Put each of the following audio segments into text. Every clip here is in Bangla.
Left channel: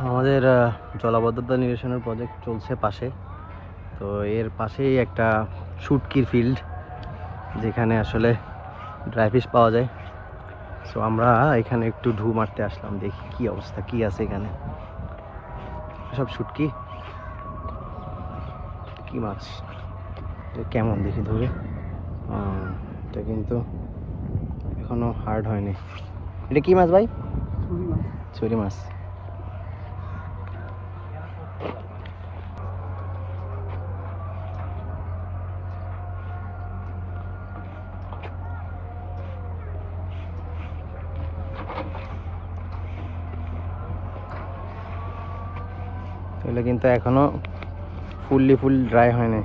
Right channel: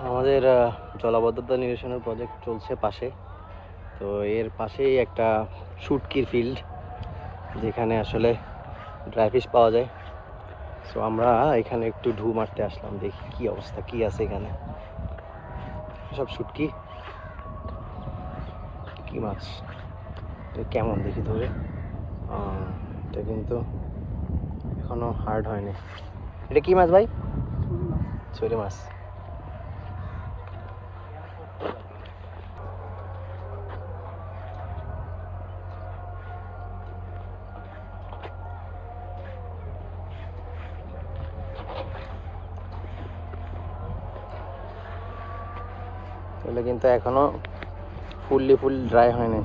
আমাদের জলাবদ্ধতা নিরসনের প্রজেক্ট চলছে পাশে। তো এর পাশেই একটা শুটকি ফিল্ড যেখানে আসলে ড্রাই ফিশ পাওয়া যায়। সো আমরা এখানে একটু ঢু মারতে আসলাম দেখি কি অবস্থা কি আছে এখানে। সব শুটকি? কি মাছ কেমন দেখি ধরে এটা কিন্তু এখনও হার্ড হয়নি। এটা কি মাছ ভাই? ছুরি মাছ। তাহলে কিন্তু এখনও ফুললি ফুল ড্রাই হয়নি।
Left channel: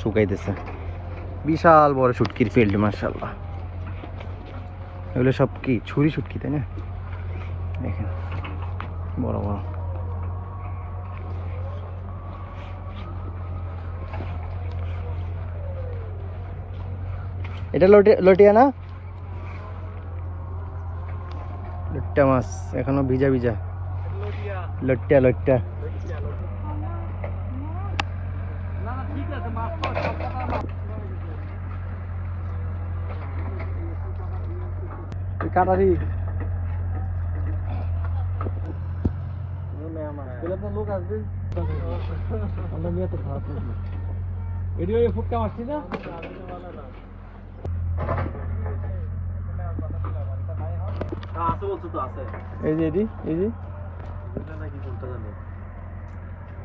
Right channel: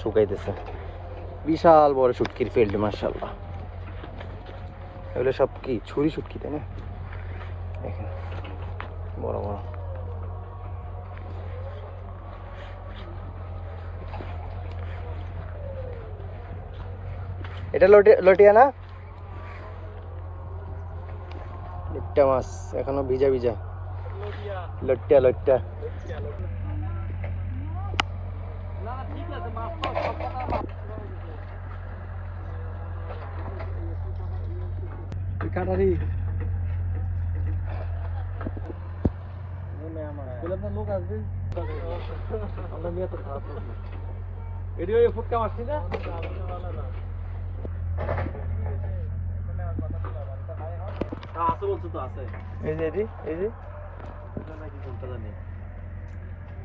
শুকাইতেছে। বিশাল বড় শুটকির ফিল্ড মার্শাল্লাহ এগুলো সব কি ছুরি শুটকি, তাই না? দেখেন, বড় বড়। এটা লটি লটিয়া না? লট্টা মাছ, এখনও ভিজা ভিজা। লট্টা লট্টা। কাটারি। লোক আসবে ভিডিও ফুটকা মারছি না? এই যে এটি এই যে।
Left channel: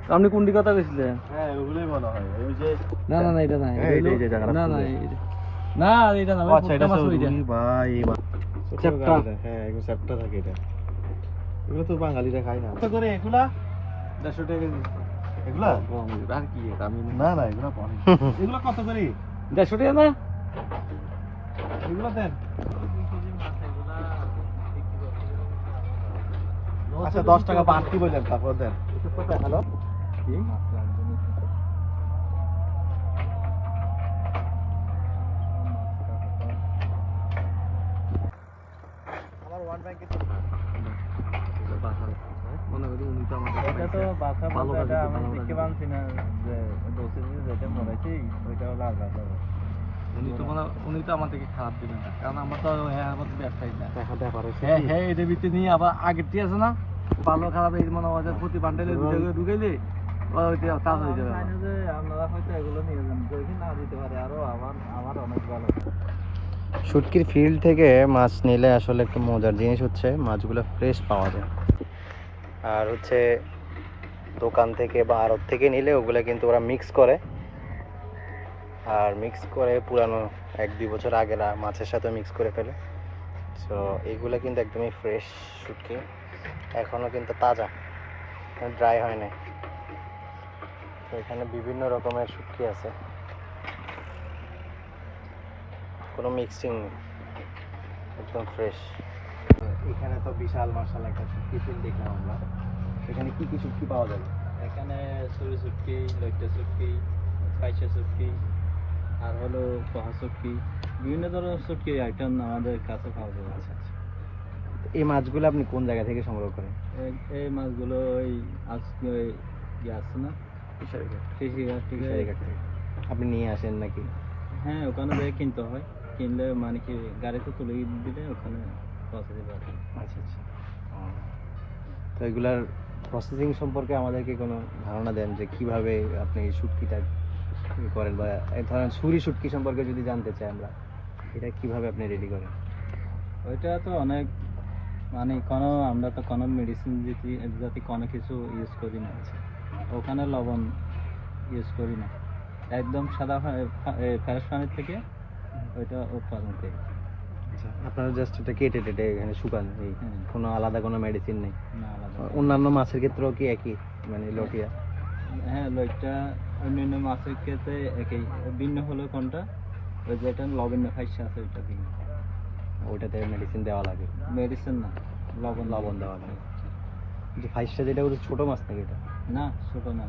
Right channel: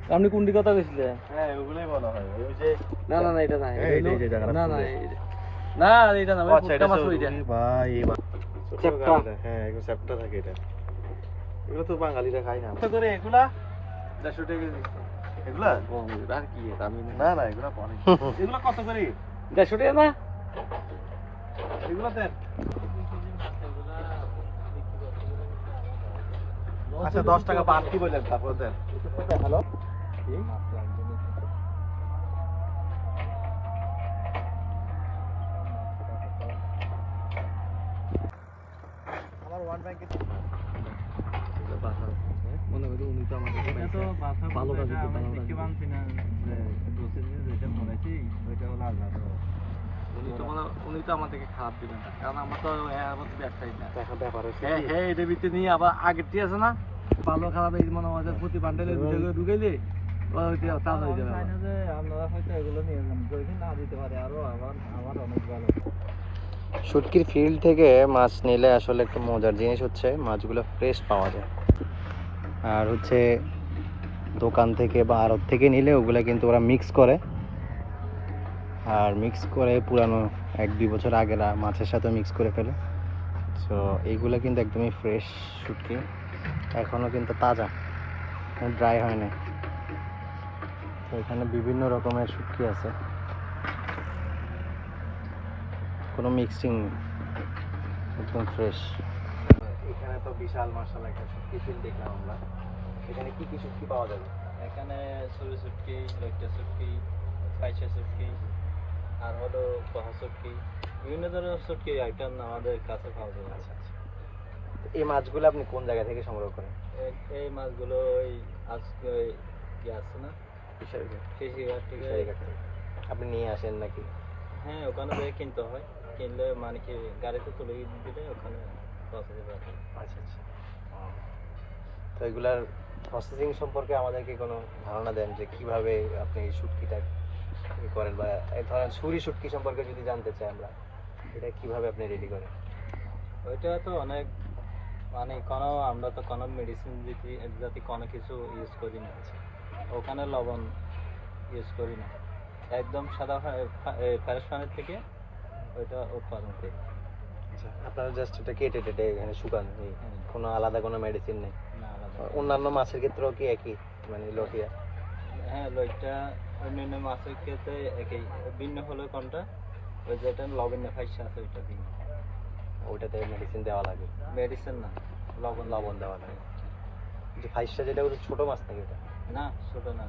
আপনি কোনটি কথা বলছিলেন না না না এটা না হ্যাঁ, এই যে- এই না না না এটা না আচ্ছা এটা। ভাই। হ্যাঁ একটু চ্যাপ্টা থাকে এটা। এগুলো তো বাঙালিরা খায় না। কত করে এগুলা? চারশো টাকা এগুলা? আর কি না না এগুলো কত করে? দেড়শো টাকা না? এগুলো দেন। আচ্ছা দশ টাকা বাড়তি বললেন তারপর দেন। আমার ওয়ান ব্যাংকে এটা তো বাসা ভালো বলতে এটা বাজে, আমি দেখতে পাচ্ছি না যে ডোসেজ যেটা পড়াইছি ওইটা হলো আলাদা উনি তো বলা উনি তো আমাদেরকে খারাপ দিবেন কারণ আমরা তো এর মধ্যে ব্যবসায়ী না। হ্যাঁ হ্যাঁ এটা ভিতরে নিয়ে আবার আগের ঠিক আছে না? ভালো খারাপ এই মনে হয় প্রতি বান্ডেলে দুটো করে ঢুকাইলে ওইটা কাজ হয়ে যাবে আপনারা হয়তো এগুলো নিয়ে যদি না দিতে পারে আরও আমার আমার অনেক ভালো শুটকির ফিল্ড থেকে মাছ নিলে আসলে একটু মজার জিনিস হচ্ছে মাছগুলো ফ্রেশ পাওয়া যায়। আর হচ্ছে দোকান থেকে বা আড়ত থেকে নিলে ওগুলো কিন্তু ওরা মিক্স করে। আর মিক্স করে পুরানো এক দুই বছর আগের মাছের সাথে মিক্স করে ফেলে। সো এইগুলো কিন্তু একদমই ফ্রেশ শুটকি। এখনও কিন্তু তাজা। ড্রাই হয় না এখানে বিভিন্ন রকমের শুটকি আছে। কোনো মিক্সিং নেই। একদম ফ্রেশ এখানে তো বিশাল মার্শাল একটা শুটকি ফিল দেখলাম আমরা। এখানে কি কি শুটকি পাওয়া যাবে এখানে সরু শুটকি লইটা শুটকি পাইসা শুটকি আর হলো পাহা শুটকি। বিভিন্ন ধরনের শুটকি আইটেম আমাদের কাছে পাওয়া যায় আচ্ছা আচ্ছা এই মাছগুলো আপনি কোন জায়গা থেকে সংগ্রহ করেন? এই- মাছগুলো ওই আজকে ওই ইয়ে আছে না? আপনি নিয়ে আসেন নাকি? হ্যাঁ ওখানে থেকে কিনতে হয়। কিনলে মানে কি গাড়িতে তুলে দিলে ওখানে আচ্ছা আচ্ছা। তো এগুলার প্রসেসিং সম্পর্কে আমাদেরকে কোনো ধারণা দেন যে কীভাবে আপনি এই শুটকিটা করেন বা ধরেন সুরি শুটকি সম্পর্কে যদি জানতে চাই আমরা এটা কীভাবে আপনি রেডি করেন? ওইটা তো অনেক মানে কোনো আমরা তো কোনো মেডিসিন যাতে যাতে কোনো কিছু ইউজ করি না ওখানে লবণ ইউজ করি না। একদম সাদা ফ্রেশ পানির থেকে ওইটা উৎপাদন করি। আচ্ছা আপনারা জাস্ট এটা কেটে টেটে এখানে শুকান এই কোনো আলাদা কোনো মেডিসিন নেই? অন্যান্য মাছের ক্ষেত্রেও কি একই মানে লটিয়া? হ্যাঁ লইটা অন্যান্য মাছের ক্ষেত্রে একই ভিন্ন হলো কোনটা? ওই যেটা লবণ ফাইসা আছে ওইটা ভিন্ন ওটাতে মেডিসিন দেওয়া লাগে। মেডিসিন না লবণ লবণ দেওয়া লাগে। যে ফাইসটা যেটা বলছে ছোটো মাছ নাকি এটা? না ছোট না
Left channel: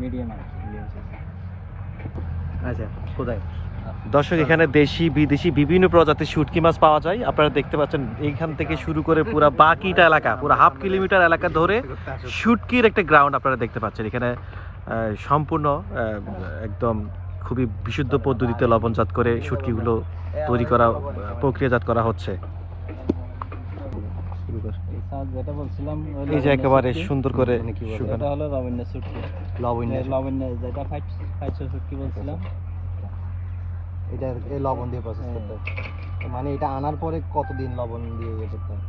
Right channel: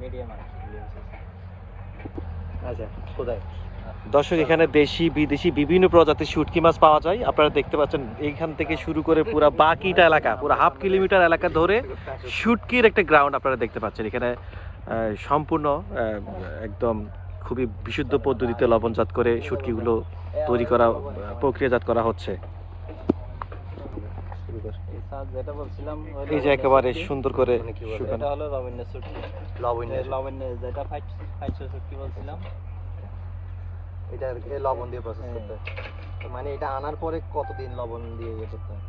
মিডিয়াম medium size। আচ্ছা কোথায়? দর্শক এখানে দেশি বিদেশি বিভিন্ন প্রজাতির শুটকি মাছ পাওয়া যায়। আপনারা দেখতে পাচ্ছেন এইখান থেকে শুরু করে পুরো বাকিটা এলাকা পুরো হাফ কিলোমিটার এলাকা ধরে শুটকির একটা গ্রাউন্ড আপনারা দেখতে পাচ্ছেন। এখানে সম্পূর্ণ একদম খুবই বিশুদ্ধ পদ্ধতিতে লবণজাত করে শুটকিগুলো তৈরি করা প্রক্রিয়াজাত করা হচ্ছে। যেটা বলছিলাম এই যে একেবারে সুন্দর করে মানে এটা হলো লাবণ্য শুটকি লবণ এই লাবণ্য যেটা ফাইট ফাইট শুটকি বলছিলাম। এটা এ লবণ দিয়ে প্রসেস করতে মানে এটা আনার পরে কতদিন লবণ দিয়ে ইয়ে করতে হয়?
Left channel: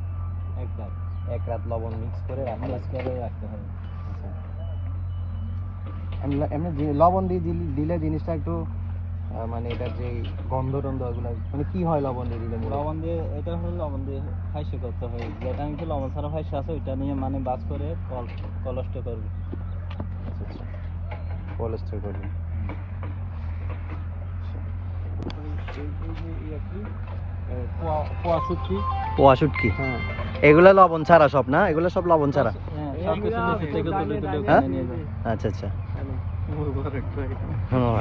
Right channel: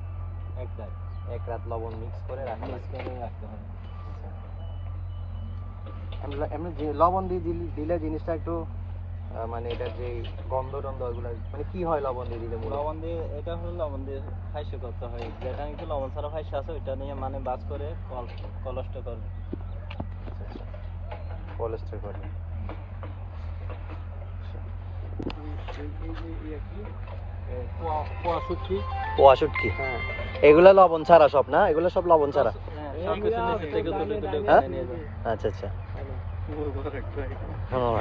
এক লাখ এক রাত লবণ মিক্স করে রাখতে হয়। করে রাখতে হবে এমনি- এমনি লবণ দিয়ে দিলে জিনিসটা একটু মানে এটার যে গন্ধ টন্ধ ওগুলো মানে কি হয় লবণ দিয়ে দিলে লবণ দিয়ে এটা হলো লবণ দিয়ে ফাইসে করতে হয় যেটা কিন্তু লবণ ছাড়া ফাইসে আছে ওইটা নিয়ে মানে বাস করে কল কলস্ট করবে। কোলেস্ট্রল করবে। হ্যাঁ। এগুলা লবণ ছাড়া সব না? এগুলো সব লবণ ছাড়া? হ্যাঁ সব কিছু দেশি থেকে তুলে তুলে হ্যাঁ? আচ্ছা আচ্ছা। হুম।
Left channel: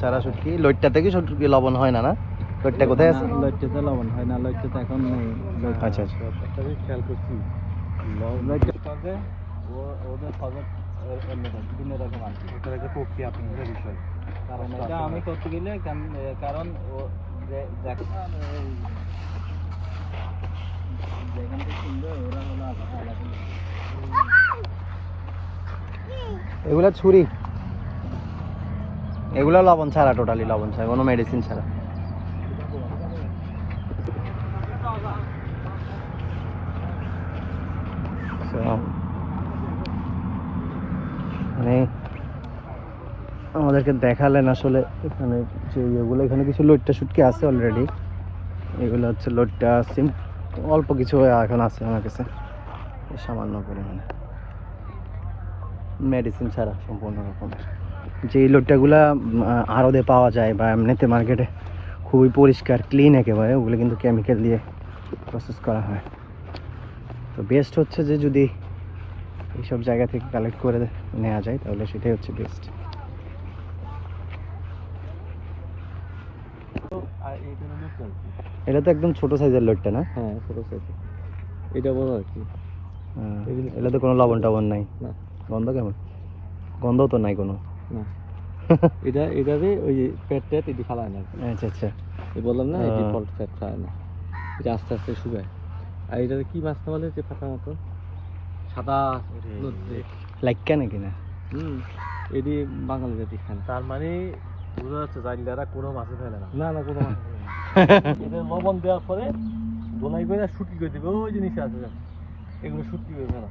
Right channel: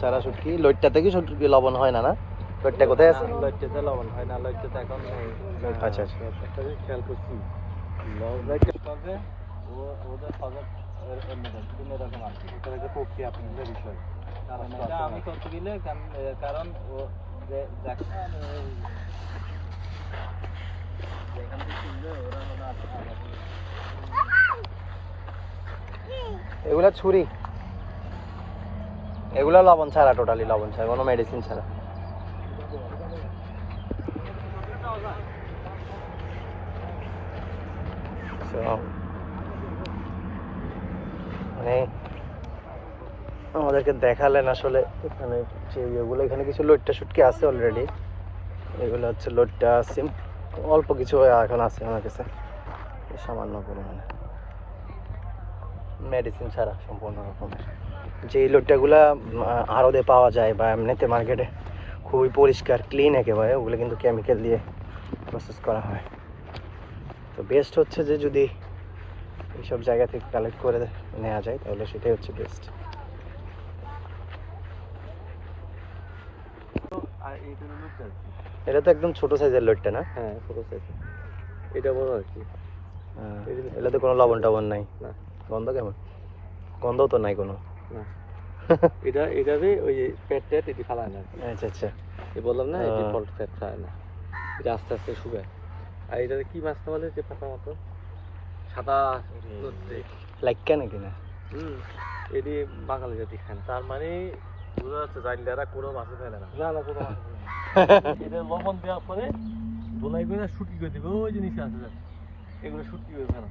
ছাড়া শুটকি লইট্টা থেকে শুটকি লবণ হয় না না? লইট্টা কোথায় আছে? না, লবণ হয় না লইট্টাতে এখন নেই। আচ্ছা আচ্ছা। লইট্টাতে আমি করতে গেলে কারণ- কারণ ও- যে- যে- যেখান থেকে কিনবে ওরা হলো আলাদা আলাদা। এগুলো ছুরি এগুলো লবণ ছাড়া টোটালি লবণ ছাড়া, কোনো মেডিসিন ছাড়া। মানে আমাদেরকে দেখালেন আসলে এখানে যে এগুলো এখানে কিছু লোটটা শুটকি আছে অলরেডি এগুলো হচ্ছে লোটটা সিম অল্প কিছু এখন আছে আমার কাছে। সামান্য পরিমাণে। মেডিসিন ছাড়া, সম্পূর্ণ রকম। যে লোটটাগুলা আরদে পাওয়া যায় বা এমনিতে মার্কেটে খুবই পরিষ্কার ক্লিন একেবারে ওগুলো কিন্তু কেমিক্যাল দিয়ে প্রসেস করা হয়। তো বেস্ট হচ্ছে যে যদি এইসব জায়গা থেকে কালেক্ট করে নেওয়া যায় তাহলে সেটাই হচ্ছে বেস্ট। এটা তো একদম ছোট সাইজের লোটটা না? হ্যাঁ ছোট সাইজ এটা বড় আর কি। হ্যাঁ, এটাতে কোনো লবণ টবণ নাই গন্ধ কেমন? গন্ধ তো নাই কোনো। এটা এটাতে ওই যে পেট টেট এটি ফেলা যায় আচ্ছা। আচ্ছা বললাম না এটি। ফল্ট ফ্যাট খায় না। এটা আস্তে আস্তে শুকায়। আর এটাতে কি মাছ তোমাদের যে পাতা মতো? সাদা লাইকা নাকি না? হুম এটি বাঙালি জাতি না। তার মানে বোঝা যাচ্ছে জাইলারা কোনো মাছই ফেলে না। না না কোনো মাছ এটা লবণ দেওয়ার পরে বোনাই করে শুটকি করে দিবে ওই জিনিস আছে। এগুলো শুটকি করে না